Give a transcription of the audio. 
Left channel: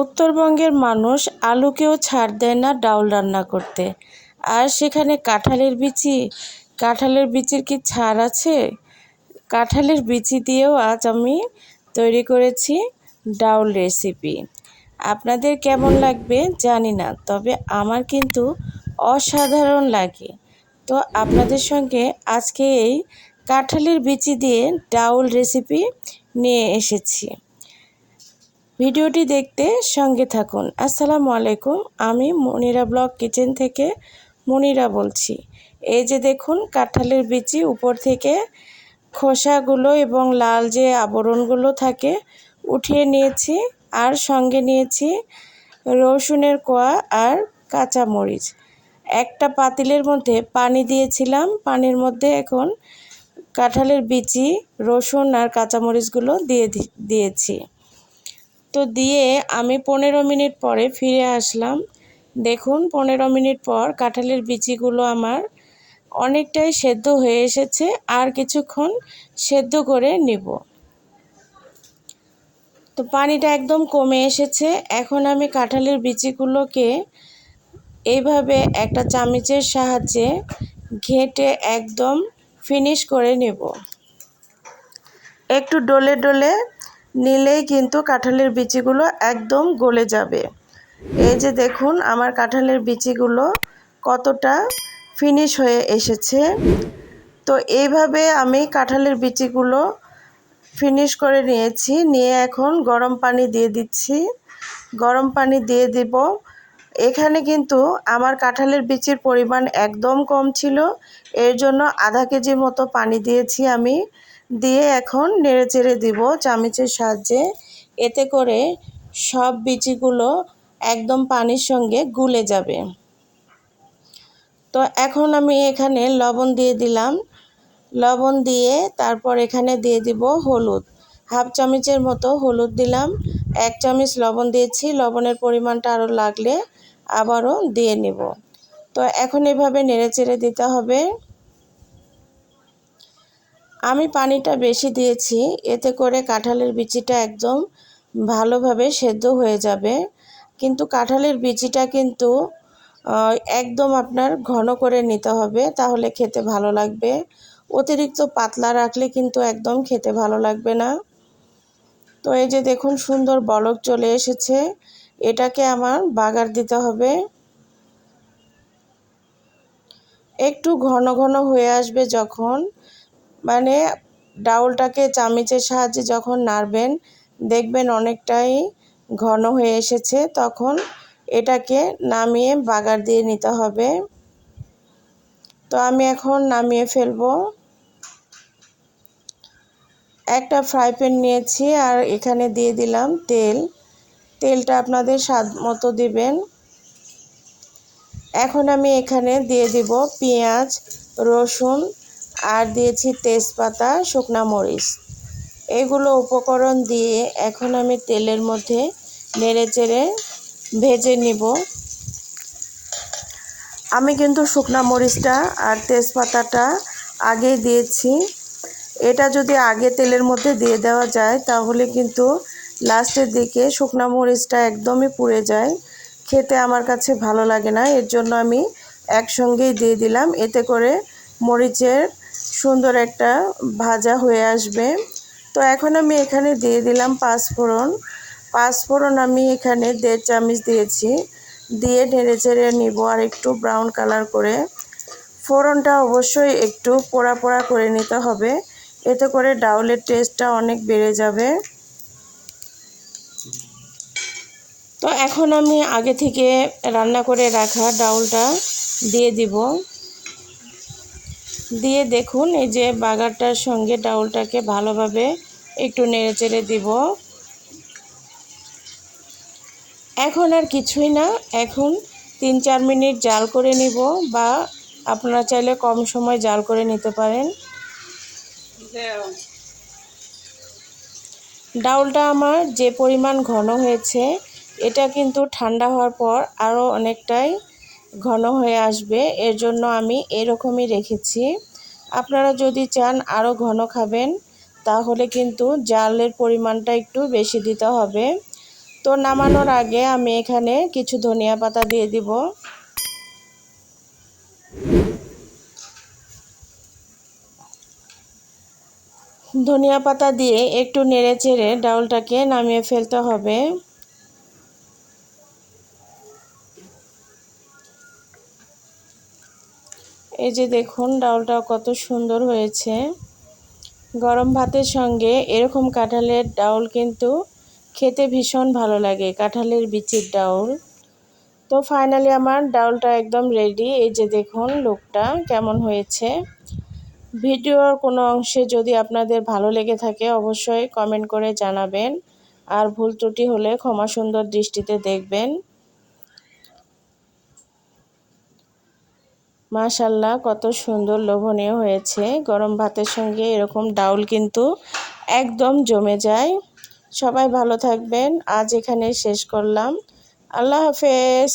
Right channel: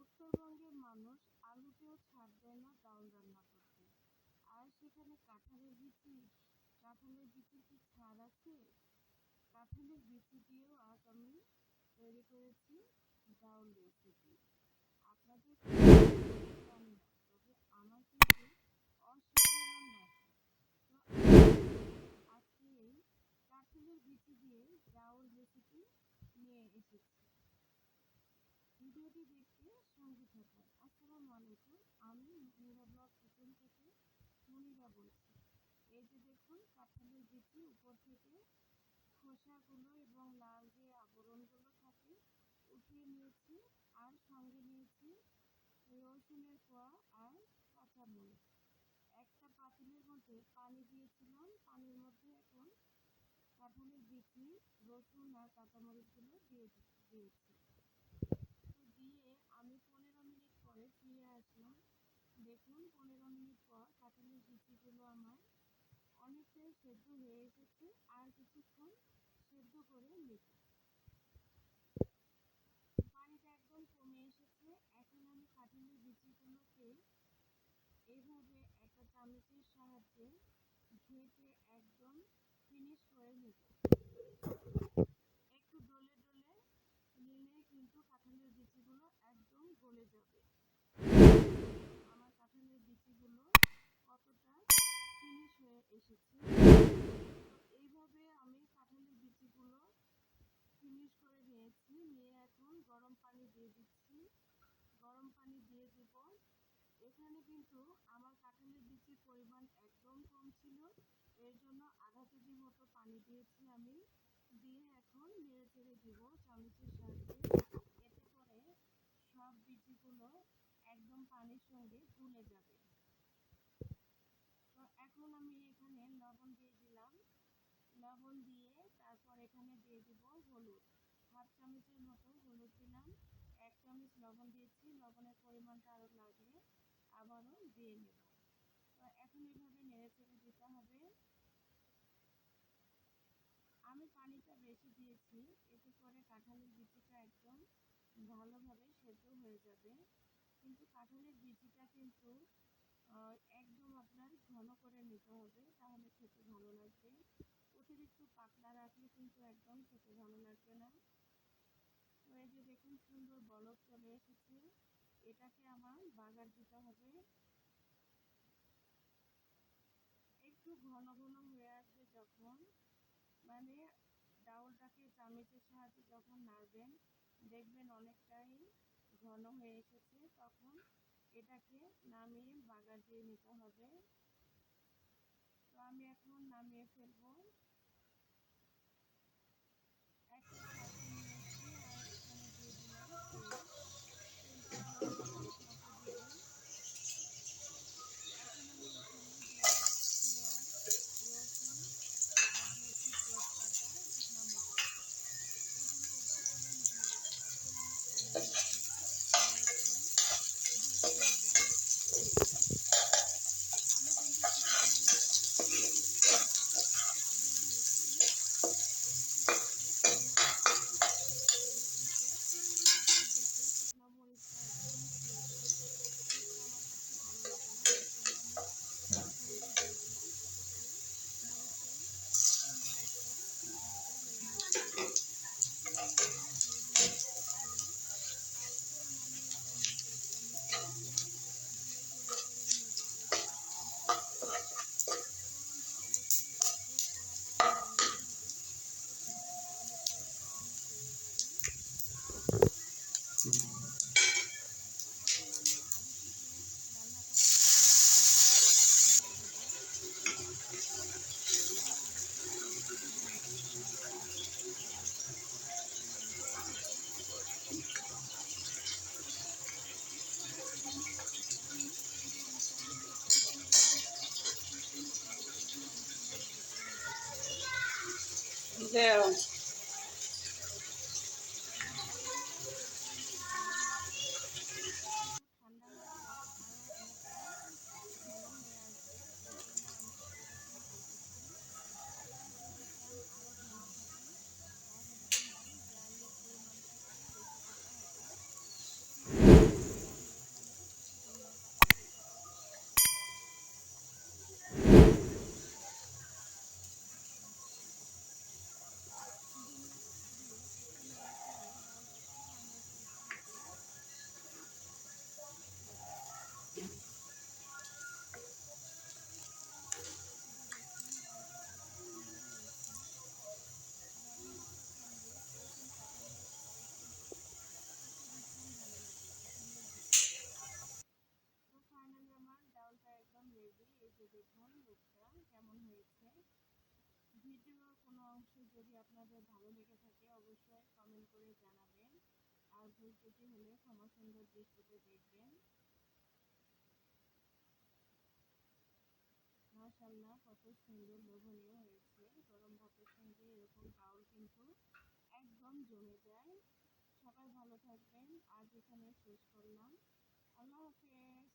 উত্তরবঙ্গের মানুষ আলুকেও ছাড় দেয় না ডাউল রান্না করতে। আর সেখানে কাঁঠালের বিচি, কাঁঠালের বিচির কি ছাড় আছে? কাঁঠালের বিচি দিয়েও আজ আমি তৈরি করেছি ডাউল রেসিপি। আপনাদের কেমন লাগবে জানি না, তবে আমার কিন্তু অসাধারণ লাগে। তো আপনাদের সঙ্গে আজকে এই কাঁঠালের বিচি দিয়ে ডাউল রেসিপি নিয়ে এসেছি। ভিডিওটি দেখতে সঙ্গে থাকুন। আসসালামু আলাইকুম, আমি মনিরা ব্লগ কিচেন থেকে মনিরা বলছি। এই যে দেখুন, কাঁঠালের বিচি উপর থেকে খোসাগুলো এবং লাল যে আবরণগুলো থাকে, উঠিয়ে নিয়েছি আর সঙ্গে নিয়েছি রসুনের কোয়া আর কাঁচামরিচ। একটা পাতিলের মধ্যে পানি দিয়েছিলাম। পানির মধ্যে এখন কাঁঠালের বিচি, রসুন আর কাঁচামরিচগুলো দিয়ে দিয়েছি। তো দিয়ে আমি পনেরো মিনিট পরে ফিরে আসলাম। দেখুন, পনেরো মিনিট পর কাঁঠালের বিচিগুলো আমার অনেকটাই সেদ্ধ হয়ে এসেছে, আর কিছুক্ষণ সেদ্ধ করে নিব। তো পানিটা একদম কমে এসেছে। এখন আমি কাঁঠালের বিচিগুলোকে এইভাবে একটা চামচের সাহায্যে ঘেঁটে একদম ফিনিশ করে নেব। একটু ডলে ডলে নিলেই কিন্তু কাঁঠালের বিচিগুলো একদম গলে যাবে। এই যে দেখুন, আমার কাঁঠালের বিচিগুলো কতটা ফিনিশ হয়ে এসেছে। তো এইভাবে আমি কাঁঠালের বিচিগুলো ফিনিশ করে নিয়েছি। নিয়ে এখন গরম পানি দিয়ে দিচ্ছি। গরম পানি দিয়ে দিব। এখানে কিন্তু আমার কাঁঠালের বিচির পরিমাণ একদম কম ছিল। এর জন্য আধা কেজির মতো পানি দিয়েছি আমি। দিয়ে এখন নেড়ে চেড়ে দিব চামচের সাহায্যে। এতে করে সব বিচিগুলো একদম পানির সঙ্গে গুলে যাবে। তো এখন আমি এখানে লবণ দিয়ে দিলাম। লবণ দিয়ে তারপর এখানে দিয়ে দিব হলুদ। হাফ চামচের মতো হলুদ দিলাম। এক চামচ লবণ দিয়েছি। লবণের পরিমাণটা আরও লাগলে আবারও দিয়ে নেব। তো এখন এভাবে নেড়ে চেড়ে দিতে হবে। আমি পানিটা বেশি দিয়েছি, এতে করে কাঁঠালের বিচিটা একদম ভালোভাবে সেদ্ধ হয়ে যাবে। কিন্তু কাঁঠালের বিচিটা কিন্তু একদম আপনার ঘন করে নিতে হবে, তাহলে খেতে ভালো লাগবে। অতিরিক্ত পাতলা রাখলে কিন্তু একদম খেতে ভালো লাগবে না। তো এই যে দেখুন সুন্দর বলক চলে এসেছে, এটাকে আমার বাগার দিতে হবে। একটু ঘন ঘন হয়ে আসবে যখন মানে ডাউলটাকে চামিচের সাহায্যে যখন নাড়বেন, দেখবেন অনেকটাই ঘন হয়ে এসেছে। তখন এটাকে নামিয়ে বাগার দিয়ে নিতে হবে। তো আমি এখন নামিয়ে ফেলব। একটা ফ্রাই প্যান নিয়েছি আর এখানে দিয়ে দিলাম তেল। তেলটা আপনাদের স্বাদ মতো দিবেন। এখন আমি এখানে দিয়ে দিব পেঁয়াজ, রসুন আর দিয়েছি তেজপাতা, শুকনা মরিচ। এগুলো উপকরণ দিয়ে এখন আমি তেলের মধ্যে নেড়ে চেড়ে ভেজে নিব। আমি কিন্তু শুকনা মরিচটা আর তেজপাতাটা আগে দিয়েছি। এটা যদি আগে তেলের মধ্যে দিয়ে দেওয়া যায়, তাহলে কিন্তু লাস্টের দিকে শুকনা মরিচটা একদমই পুড়ে যায়। খেতে আমার কাছে ভালো লাগে না, এর জন্য আমি একসঙ্গেই দিয়ে দিলাম। এতে করে মরিচের সুন্দর একটা ভাজা হয়ে আসবে। তো এখন আমি এখানে দিয়ে দিলাম পাঁচফোড়ন পাঁচফোড়ন আমি এখানে দেড় চামচ দিয়েছি। দিয়ে ঢেড়ে চেড়ে নিব আর একটু ব্রাউন কালার করে। ফোড়নটা অবশ্যই একটু পোড়া পোড়া করে নিতে হবে। এতে করে ডাউলের টেস্টটা অনেক বেড়ে যাবে। তো এখন আমি আগে থেকে রান্না করে রাখা ডাউলটা দিয়ে দিব। দিয়ে দেখুন, এই যে বাগারটার সঙ্গে ডাউলটাকে ভালোভাবে একটু নেড়ে চেড়ে দিব। এখন আর কিছুই না, এখন তিন চার মিনিট জাল করে নিব বা আপনারা চাইলে কম সময় জাল করে নিতে পারেন। ডাউলটা আমার যে পরিমাণ ঘন হয়েছে, এটা কিন্তু ঠান্ডা হওয়ার পর আরও অনেকটাই ঘন হয়ে আসবে, এর জন্য আমি এরকমই রেখেছি। আপনারা যদি চান আরও ঘন খাবেন, তাহলে কিন্তু জালের পরিমাণটা একটু বেশি দিতে হবে। তো নামানোর আগে আমি এখানে কিছু ধনিয়া পাতা দিয়ে দিব। ধনিয়া পাতা দিয়ে একটু নেড়ে চেড়ে ডাউলটাকে নামিয়ে ফেলতে হবে। এই যে দেখুন ডাউলটা কত সুন্দর হয়েছে। গরম ভাতের সঙ্গে এরকম কাঁঠালের ডাউল কিন্তু খেতে ভীষণ ভালো লাগে, কাঁঠালের বিচির ডাউল তো ফাইনালি আমার ডাউলটা একদম রেডি এই যে দেখুন, লুকটা কেমন হয়েছে। ভিডিওর কোনো অংশে যদি আপনাদের ভালো লেগে থাকে, অবশ্যই কমেন্ট করে জানাবেন। আর ভুল ত্রুটি হলে ক্ষমা সুন্দর দৃষ্টিতে দেখবেন। মাশাল্লাহ কত সুন্দর লোভনীয় হয়েছে। গরম ভাতের সঙ্গে এরকম ডাউল কিন্তু একদম জমে যায়। সবাই ভালো থাকবেন। আজ এখানে শেষ করলাম। আল্লাহ হাফেজ।